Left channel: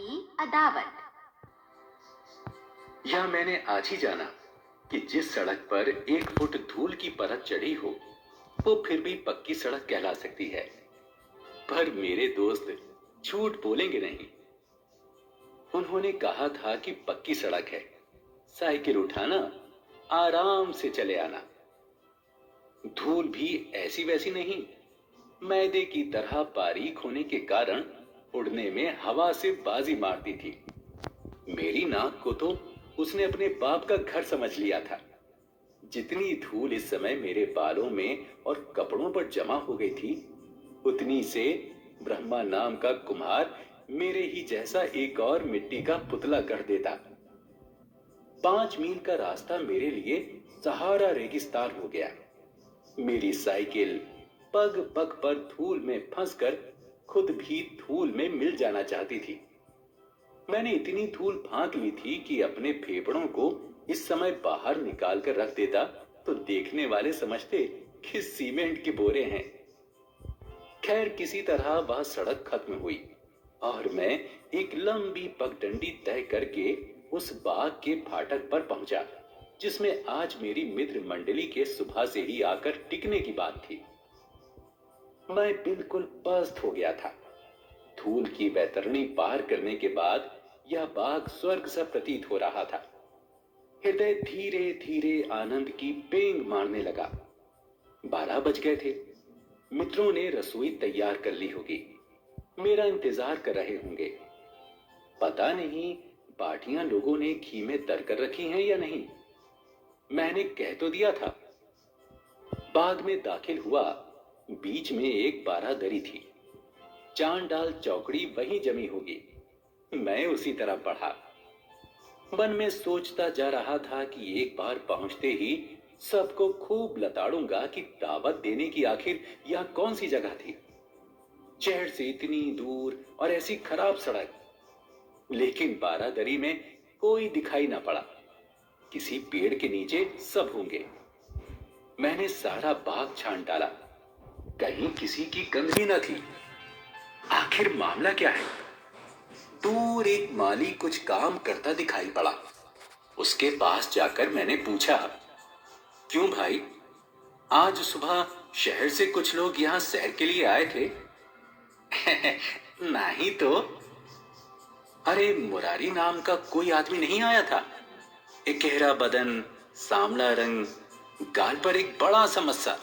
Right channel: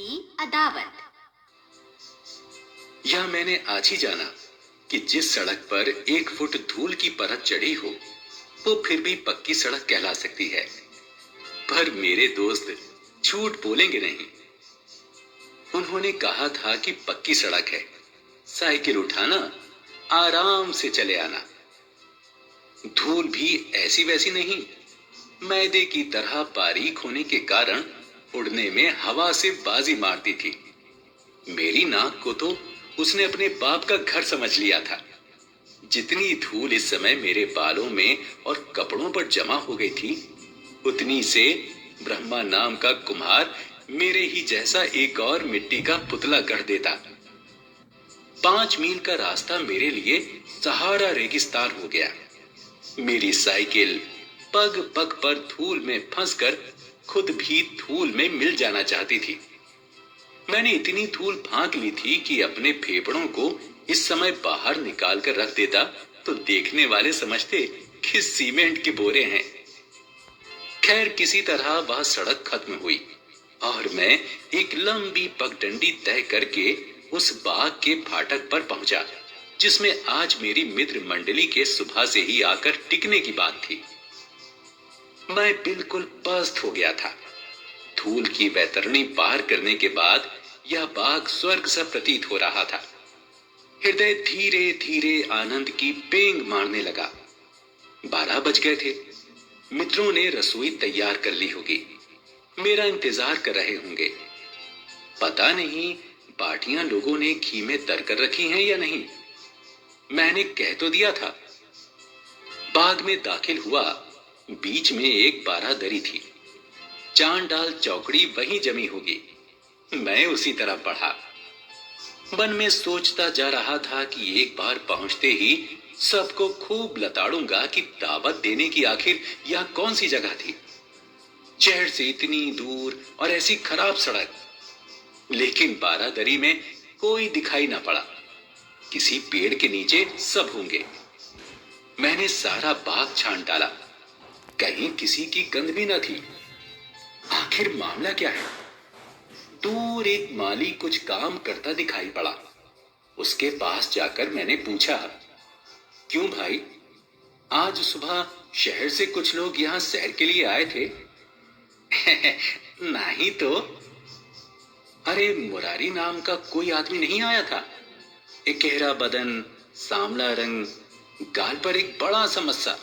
की अदावत। यह मैंने आज ही जाना कि जिस सड़क पर 1 फुट धूल की परत चढ़ी हो वो फिर भी पक्की सड़क कहला सकती है। पर मेरे दोस्त झूठ बोलेंगे नहीं। उन्होंने कहा था कि पक्की सड़क है, साइकिल उठाना, आराम से चले आना। धूल भी ऐसी वैसी नहीं, मैदे की तरह बारीक होने के कारण उड़ने में हवा से बाजी मारती थी। मेरी नाक को तो उसने अपने बाप का घर समझ लिया था। जितनी धूल इस समय मेरे बालों में और कपड़ों पर जमा हो गई थी, उतनी से ब्रह्मा नाम का कुम्हार मेरे ही जैसा एक और मिट्टी का पुतला गढ़ देता। 5 मील का रास्ता मेरे लिए सहारा रेगिस्तान हो गया। मेरी साइकिल पग पग पर धूल में फंसकर खुद भी धूल में मिल जाना चाहती थी। मैंने इतनी धूल फांक ली थी कि अपने फेफड़ों को इस समय बाहर निकाल कर रख देता तो देखने वाले समझते कि सीमेंट के बोरे हैं। खैर किसी तरह वह सड़क खत्म हुई और मैं एक लंबी पगडंडी तय करके उस बाग के फाटक पर पहुंचा, जिसमें आज मेरी मित्र मंडली के सुबह से ही आकर टिकने की बात थी। मैं बिल्कुल पस्त हो गया था। धूल की वैतरणी पार करने के बाद यह बाग स्वर्ग सा प्रतीत हो रहा था। हृदय धीरे धीरे आनंद की पेंग मारने लगा। 12 बज गए थे। मित्रों ने रसोई तैयार कर ली होगी, मेरा इंतजार कर रहे होंगे। पता नहीं बाटियां लोगों ने घी में तर कर रखी हैं या नहीं। मैंने कह तो दिया था। बाग में दाखिल हुआ। बीच में एक बारादरी थी। चांद डाल चौकड़ी वहीं जमी होगी। मैं उसी तरफ बढ़ा। मन में सोचता जा रहा था कि एक बार पहुंचते ही सबको खूब लताड़ूंगा कि दावत देने की आखिर यह कौन सी जगह थी। शहर से इतनी दूर और ऐसी खराब सड़क। लेकिन बारादरी में कोई दिखाई ना पड़ा। किसी पेड़ के नीचे सब होंगे। मैंने सारा बाग छान डाला, कहीं किसी की गंध भी न थी। आखिर मामला क्या है? दूर एक माली कुछ काम करता दिखाई पड़ा। उसके पास जाकर मैंने पूछा, क्यों भाई, आज सुबह शहर से कुछ लोग यहाँ सैर के लिए आए थे? नहीं तो। अरे मुरारी नाम का कोई आदमी नहीं आया था? एक गहरा बदन, सांवला रंग, गाल पर एक बड़ा सा मस्सा।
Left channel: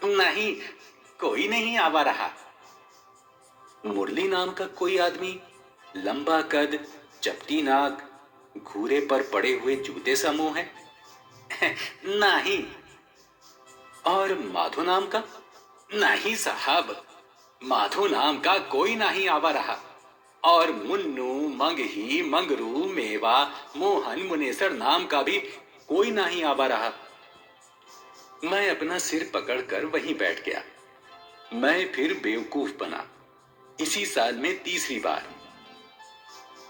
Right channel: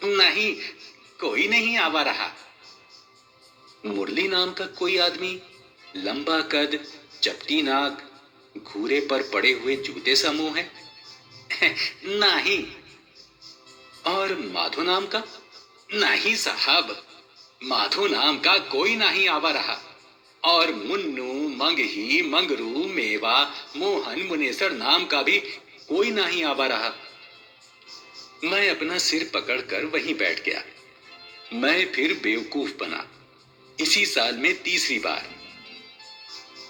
नहीं, कोई नहीं आवा रहा। मुरली नाम का कोई आदमी, लंबा कद, चपटी नाक, घूरे पर पड़े हुए जूते सा मुंह है? नहीं। और माधो नाम का? नहीं साहब, माधो नाम का कोई नहीं आवा रहा। और मुन्नू, मंगही, मंगरू, मेवा, मोहन, मुनेसर नाम का भी कोई नहीं आवा रहा। मैं अपना सिर पकड़कर वहीं बैठ गया। मैं फिर बेवकूफ बना। इसी साल में तीसरी बार।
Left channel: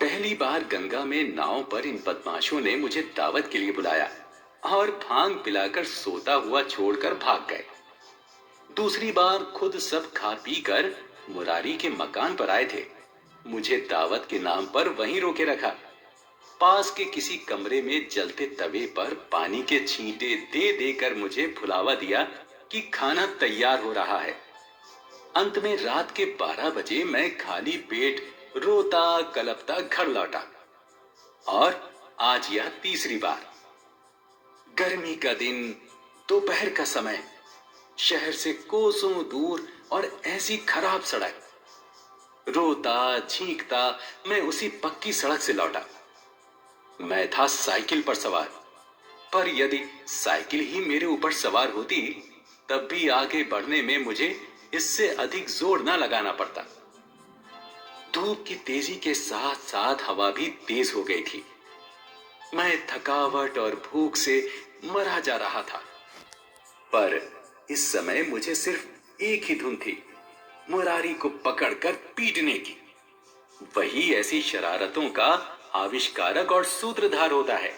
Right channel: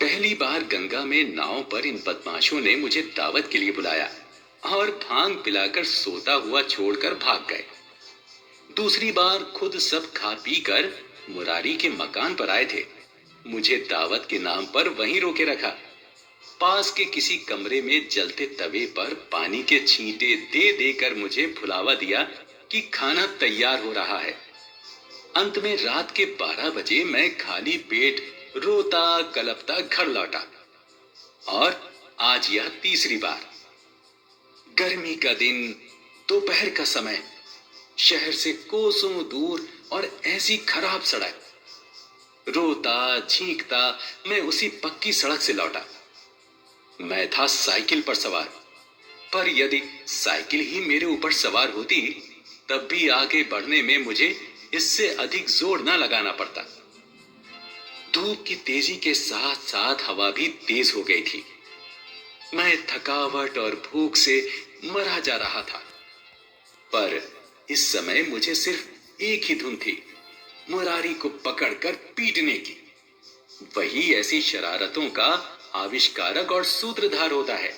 पहली बार गंगा में नाव पर इन बदमाशों ने मुझे दावत के लिए बुलाया और भांग पिलाकर सोता हुआ छोड़कर भाग गए। दूसरी बार खुद सब खा पी कर मुरारी के मकान पर आए थे। मुझे दावत के नाम पर वहीं रोके रखा। पास के किसी कमरे में जलते तवे पर पानी के छींटे दे देकर मुझे भुलावा दिया कि खाना तैयार हो रहा है। अंत में रात के 12 बजे मैं खाली पेट रोता कलपता घर लौटा। और आज यह तीसरी बार। गर्मी का दिन, दोपहर का समय, शहर से कोसों दूर और ऐसी खराब सड़क। रोता झींकता मैं उसी पक्की सड़क से लौटा। मैं था साइकिल पर सवार, पर यदि साइकिल ही मेरे ऊपर सवार होती तब भी आगे बढ़ने में मुझे इससे अधिक जोर न लगाना पड़ता। धूप की तेजी के साथ साथ हवा भी तेज हो गई थी। मैं थकावट और भूख से मरा जा रहा था। पर इस समय मुझे सिर्फ एक ही धुन थी, मुरारी को पकड़कर पीटने की। वही ऐसी शरारतों का आविष्कारक और सूत्रधार होता है।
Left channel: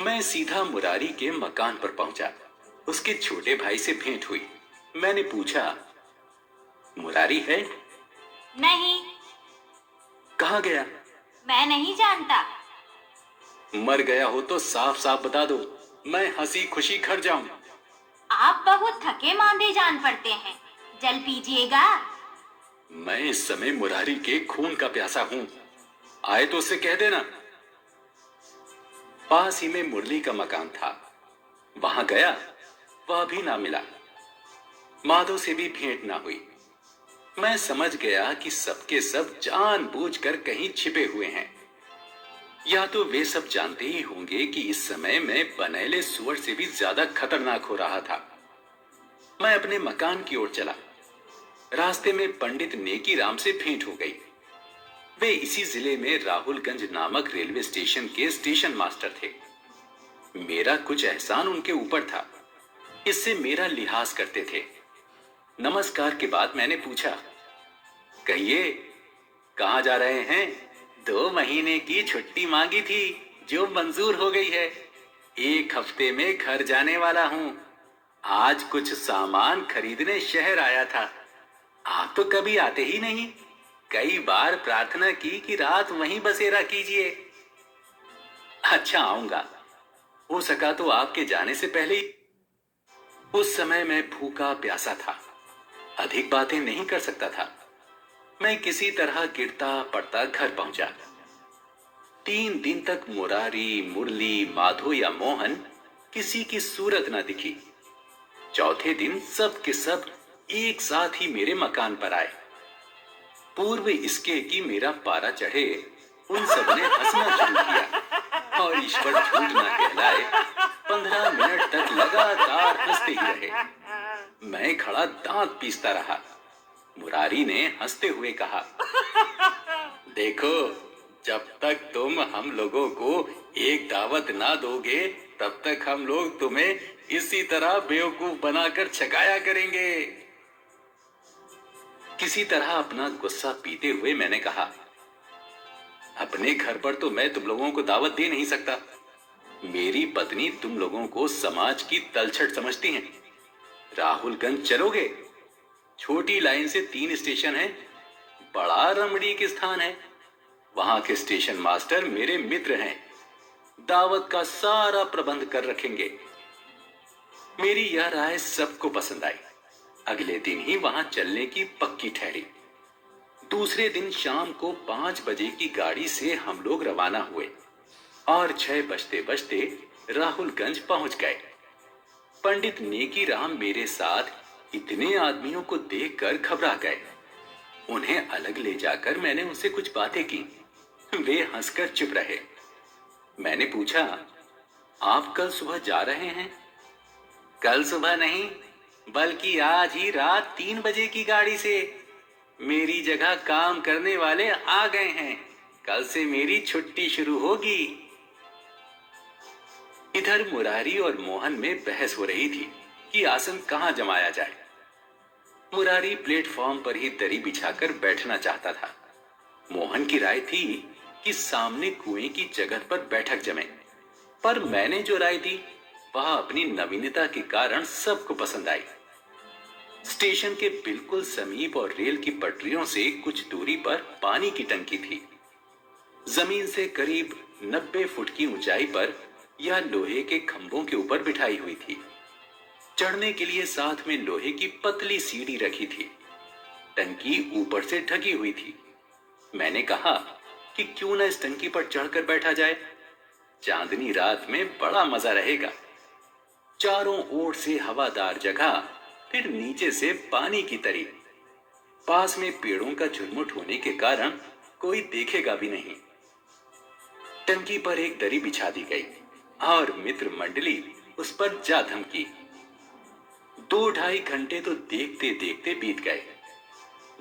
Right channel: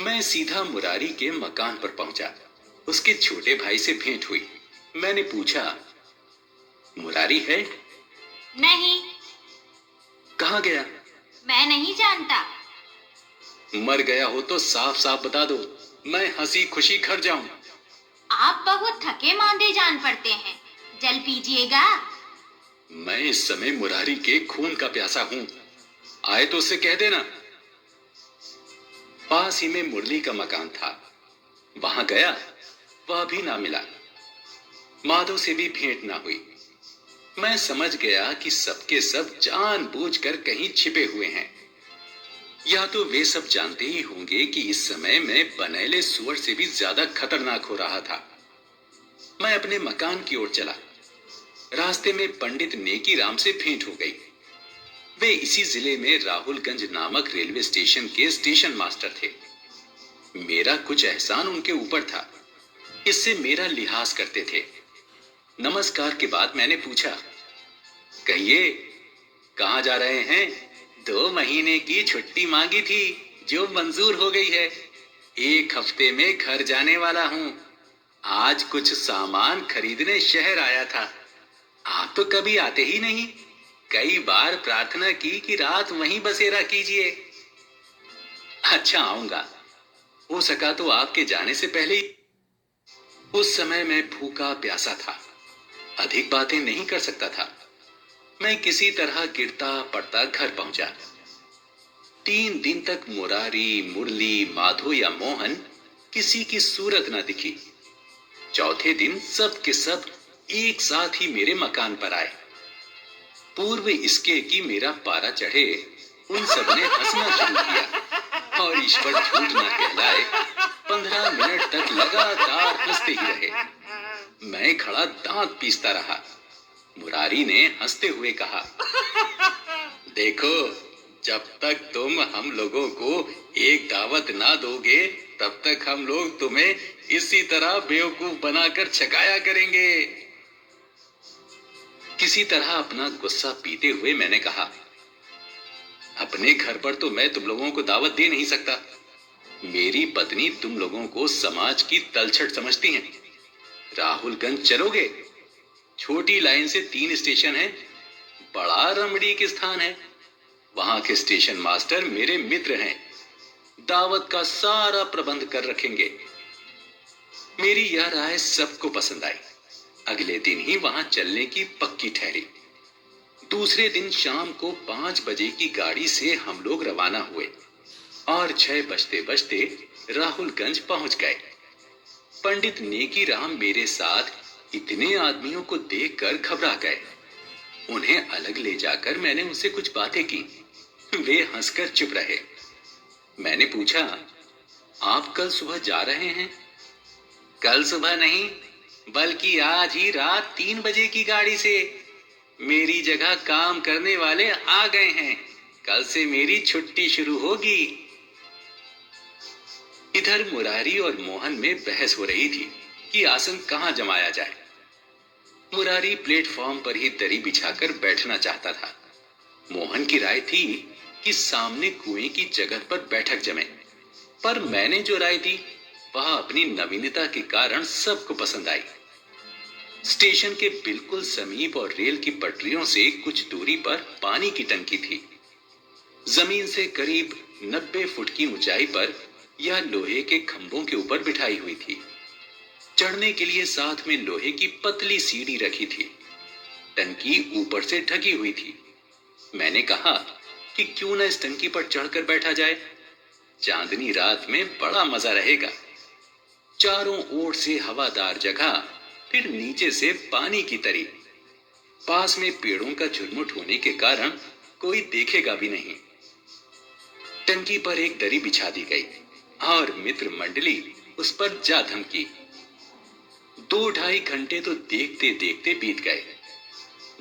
मैं सीधा मुरारी के मकान पर पहुंचा। उसके छोटे भाई से भेंट हुई। मैंने पूछा, मुरारी है? नहीं। कहाँ गया? मैं नहीं जानता। मर गया हो तो साफ साफ बता दो, मैं हंसी खुशी घर जाऊं। आप बहुत थके मांदे जान पड़ते हैं, जल पीजिएगा। मैं इस समय मुरारी के खून का प्यासा हूं, आए तो उससे कह देना। पास ही में मुरली का मकान था, वहां गया, वह भी ना मिला। माधव से भी भेंट ना हुई। मैं समझ गया कि सबके सब जानबूझकर कहीं छिपे हुए हैं। या तो वे सब जानते ही होंगे कि इस समय मैं बनेले सुअर से भी ज्यादा खतरनाक हो रहा था। मैं अपने मकान की ओर चला। रास्ते में पंडित नेकी राम से भेंट हो गई। वे इसी जिले में राहुलगंज नामक रेलवे स्टेशन के स्टेशन मास्टर थे। मेरा कुछ एहसान उनके ऊपर था, इससे मेरा लिहाज करते थे। नमस्कार के बाद मैंने पूछा, कहिए, कहाँ जा रहे हैं? 2 महीने की छुट्टी मांगी थी, जो मंजूर हो गई है। 1 हफ्ते में घर जाने वाला हूँ। आज कुछ सामान खरीदने शहर आया था। आप तो कभी आते ही नहीं। कई बार प्रार्थना की कि रात वहीं बसेरा कीजिए। अच्छा, आऊंगा। हो सका तो आपके जाने से पहले ही। उस समय मैं भूखा प्यासा था, अधिक बातें नहीं कर सकता था। मैं किसी तरह गिरता पड़ता घर पहुंचा। 3 दिन तक मुरारी, मुरली, माधो या मोहन किसी की सूरत न दिखी। चौथे दिन सब के सब एक साथ ही मेरे मकान पर आए। पूर्व इसके कि मेरा पारा चढ़े, उन सब ने हंसना शुरू किया और ईश्वर झूठ न कहलाए, 15 मिनट तक लगातार हंसते ही रहे। मैं खड़ा दांत पीसता रहा। मुरारी ने हंसते हुए कहा, देखो, जब तक तुम हम लोगों को एक दावत ना दोगे, तब तक हम लोग तुम्हें इसी तरह बेवकूफ बनाकर छकाया करेंगे। किसी तरह अपना गुस्सा पीते हुए मैंने कहा, अपने घर पर तो मैं तुम लोगों को दावत दे नहीं सकता। मेरी पत्नी तुम लोगों को समाज की तलछट समझती हैं। राहुलगंज चलोगे? छोटी लाइन से 3 स्टेशन है, बड़ा रमणीक स्थान है। वहां के स्टेशन मास्टर मेरे मित्र हैं, दावत का सारा प्रबंध कर रखेंगे। मेरी यह राय सबको पसंद आई। अगले दिन ही वहां चलने की पक्की ठहरी। दूसरे दिन शाम को 5 बजे की गाड़ी से हम लोग रवाना हुए और 6 बजते बजते राहुलगंज पहुंच गए। पंडित नेकी राम मेरे साथ इतने आदमियों को देखकर घबरा गए। उन्हें अलग ले जाकर मैंने उनसे कुछ बातें की। वे हंसकर चुप रहे। मैंने पूछा, आप कल सुबह जा रहे हैं? कल सुबह नहीं, बल्कि आज ही रात 3 बजे की गाड़ी से। मेरी जगह काम करने वाले आ गए हैं। कल से मेरी छुट्टी शुरू होगी। इधर मुरारी और मोहन में बहस हो रही थी कि आसन कहां जमाया जाए। मुरारी प्लेटफॉर्म पर ही दरी बिछाकर बैठना चाहता था। मोहन की राय थी कि सामने कुएं की जगह पर बैठक जमे, पर मैंने जो राय दी वह अपनी नवीनता के कारण सबको पसंद आई। स्टेशन के बिल्कुल समीप और रेल की पटरियों से कुछ दूरी पर पानी की टंकी थी। जमीन से करीब 90 फुट की ऊंचाई पर यह लोहे के खंभों के ऊपर बिठाई हुई थी। चढ़ने के लिए साथ में लोहे की पतली सीढ़ी रखी थी। टंकी ऊपर से ढकी हुई थी। मैंने कहा कि क्यों न इस टंकी पर चढ़कर बैठा जाए। चांदनी रात में बड़ा मजा रहेगा। चारों ओर से हवादार जगह, फिर नीचे से पानी की तरी। पास में पेड़ों का झुरमुट होने के कारण कोई देखेगा भी नहीं। टंकी पर एक दरी बिछा दी गई और मित्र मंडली उस पर जा धमकी। 2-2.5 घंटे तो देखते देखते बीत गए।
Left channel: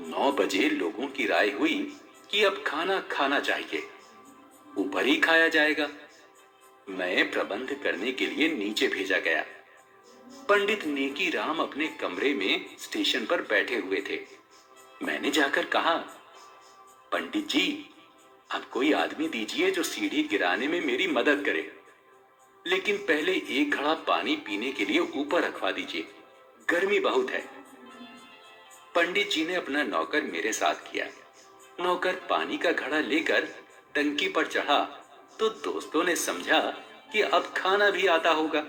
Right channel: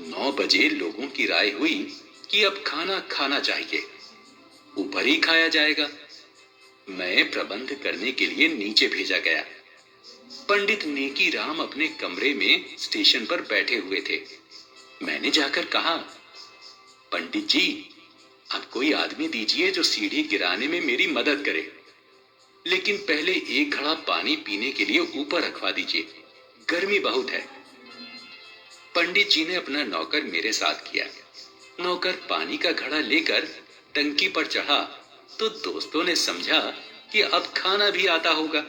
9 बजे लोगों की राय हुई कि अब खाना खाना चाहिए, ऊपर ही खाया जाएगा। मैं प्रबंध करने के लिए नीचे भेजा गया। पंडित नेकी राम अपने कमरे में स्टेशन पर बैठे हुए थे। मैंने जाकर कहा, पंडित जी, अब कोई आदमी दीजिए जो सीढ़ी गिराने में मेरी मदद करे, लेकिन पहले एक घड़ा पानी पीने के लिए ऊपर रखवा दीजिए, गर्मी बहुत है। पंडित जी ने अपना नौकर मेरे साथ किया। नौकर पानी का घड़ा लेकर टंकी पर चढ़ा तो दोस्तों ने समझा कि अब खाना भी आता होगा,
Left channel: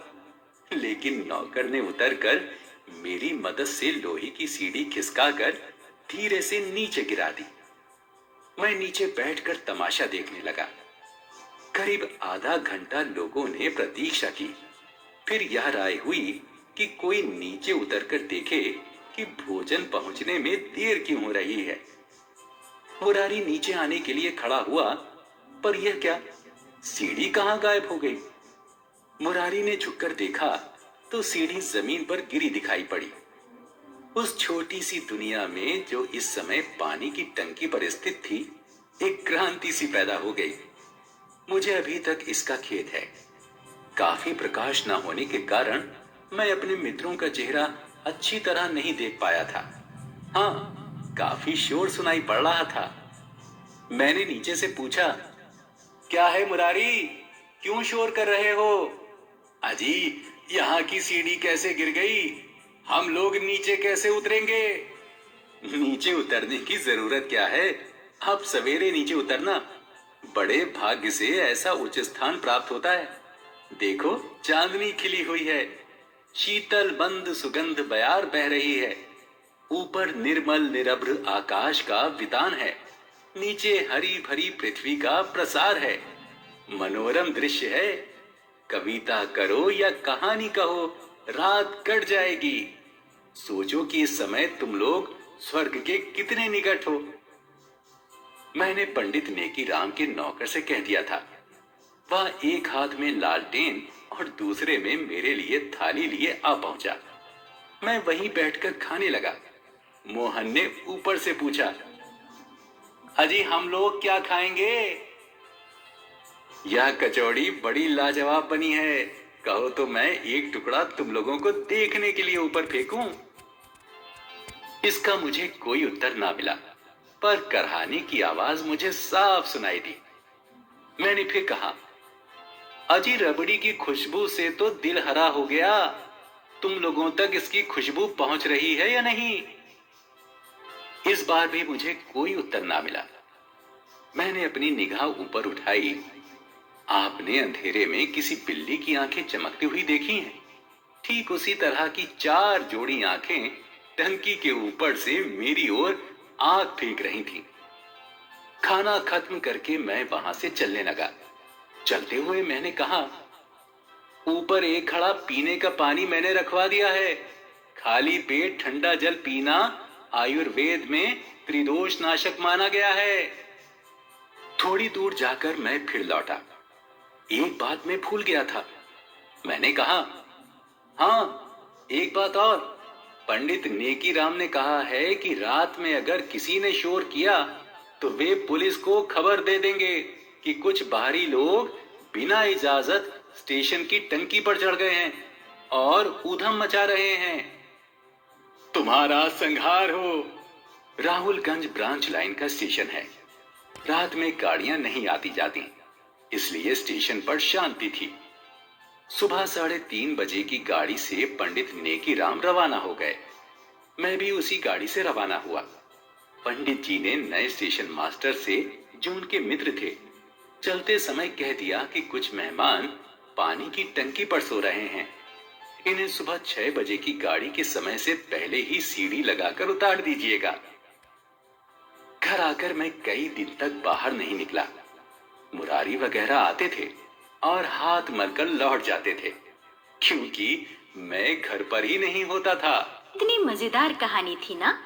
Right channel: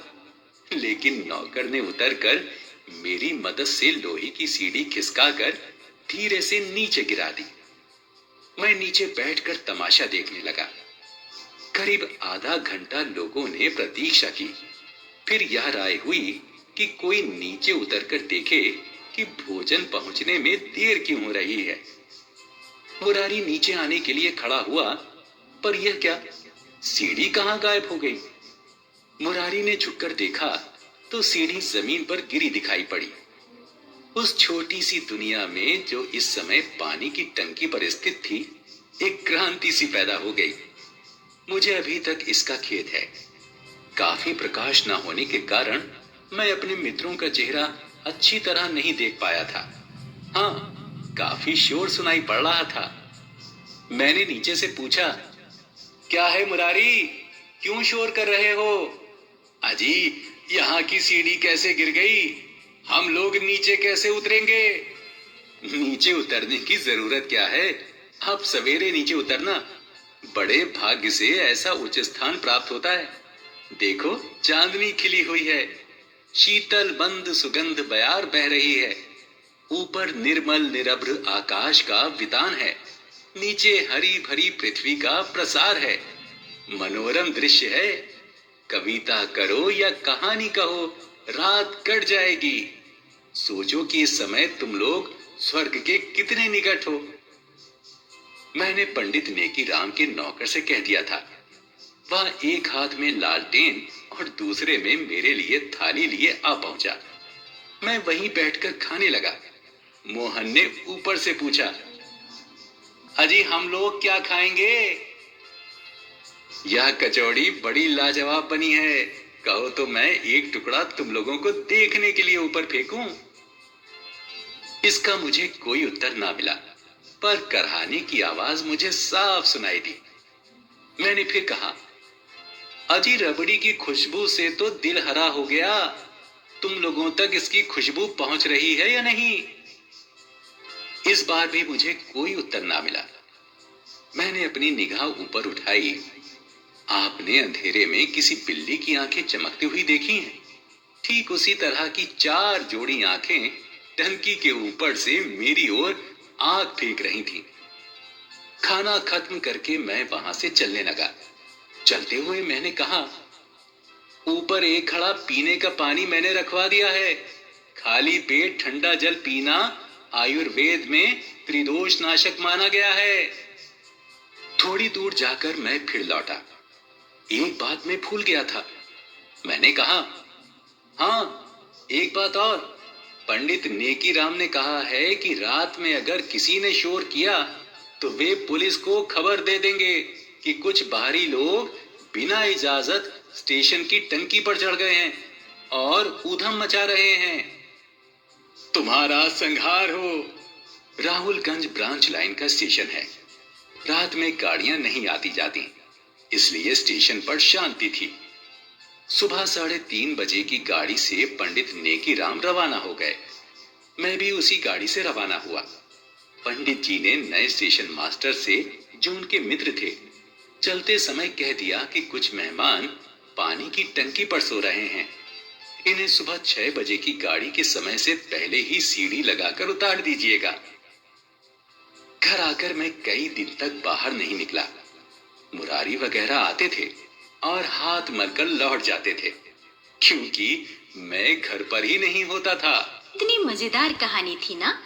लेकिन नौकर ने उतरकर मेरी मदद से लोहे की सीढ़ी खिसकाकर धीरे से नीचे गिरा दी। मैं नीचे बैठकर तमाशा देखने लगा। करीब आधा घंटा लोगों ने प्रतीक्षा की। फिर यह राय हुई कि कोई नीचे उतरकर देखे कि भोजन पहुंचने में देर क्यों हो रही है। मुरारी नीचे आने के लिए खड़ा हुआ, पर यह क्या, सीढ़ी कहां गायब हो गई। मुरारी ने झुककर देखा तो सीढ़ी जमीन पर गिरी दिखाई पड़ी। उस छोटी सी दुनिया में जो इस समय पानी की टंकी पर स्थित थी, एक क्रांति सी पैदा हो गई। मुझे अभी तक इसका खेद है। काफी प्रकाश न होने के कारण मैं अपने मित्रों का चेहरा अच्छी तरह नहीं देख पाया था। हाँ, काफी शोर सुनाई पड़ रहा था। मैंने नीचे से पूछा, क्या है मुरारी, क्यों शोर कर रहे हो? अजी, यहाँ की सीढ़ी कैसे गिर गई? हम लोग नीचे कैसे उतरेंगे? नीचे उतरने की जरूरत क्या है, आप सवेरे नीचे उतरना। बड़े भाग्य से ऐसा उच्च स्थान प्राप्त होता है। देखो, चांदनी खिली हुई है, शीतल बंद सुगंध बयार बह रही है। ऊपर निर्मल निरभ्र आकाश का वितान है, नीचे हरी भरी पृथ्वी का प्रसार है। मनोरम दृश्य है। कविता करो या कहानी कहो, रात कट जाएगी। सोचो कि इस समय तुम लोग स्वर्ग के कितने निकट हो। मैंने पंडित नेकी राम के नौकर से कह दिया था। वह एक हाथ में लालटेन और दूसरे में मेरे लिए थाली लिए आ पहुंचा। मैं वहीं बैठकर खाने लगा। मोहन ने ऊपर से पूछा, अजी हम लोग क्या खाएंगे? यह कचौड़ी बड़ी लाजवाब बनी है, कहो तो मैं एक टुकड़ा तुम लोगों को देखने के लिए ऊपर फेंकूं? इसका मुझे कोई उत्तर ना मिला, पर करहाने की आवाज मुझे साफ सुनाई दी। मैंने फिर कहा, अजी रबड़ी की खुशबू से तो दिल हरा हो गया। तुम लोगों तक इसकी खुशबू पहुंच रही है या नहीं? इस बार भी मुझे कोई उत्तर ना मिला। मैंने अपनी निगाह ऊपर उठाई। आपने अंधेरे में किसी बिल्ली की आंखें चमकती हुई देखी हैं? ठीक उसी तरह की 4 जोड़ी आंखें टंकी के ऊपर से मेरी ओर आंख फेंक रही थीं। खाना खत्म करके मैं वहां से चलने लगा। चलते हुए मैंने कहा, ऊपर एक घड़ा पीने का पानी मैंने रखवा दिया है। खाली पेट ठंडा जल पीना आयुर्वेद में त्रिदोष नाशक माना गया है। थोड़ी दूर जाकर मैं फिर लौटा। एक बात मैं भूल गया था। मैंने कहा, हाँ, एक बात और। पंडित नेकी राम ने कहा है कि रात में अगर किसी ने शोर किया तो वे पुलिस को खबर दे देंगे कि कुछ बाहरी लोग बिना इजाजत स्टेशन की टंकी पर चढ़ गए हैं और ऊधम मचा रहे हैं। तुम्हारा संहार हो। राहुलगंज ब्रांच लाइन का स्टेशन है। रात में गाड़ियां नहीं आती जाती, इसलिए स्टेशन पर शांति थी। सुबह 3:30 बजे की गाड़ी से पंडित नेकी राम रवाना हो गए। मैं भी उसी गाड़ी से रवाना हुआ। पंडित जी ने नए स्टेशन मास्टर से, जो उनके मित्र थे, चलते समय कह दिया कि कुछ मेहमान पानी की टंकी पर सो रहे हैं। इन्हें सुबह 6 बजे की गाड़ी के समय से पहले ही सीढ़ी लगाकर उतार दीजिएगा। घर आकर मैं कई दिन तक बाहर नहीं निकला। मुरारी वगैरह आते थे और हाथ मलकर लौट जाते थे, क्योंकि मैं घर पर ही नहीं होता था। इतनी मजेदार कहानी थी ना।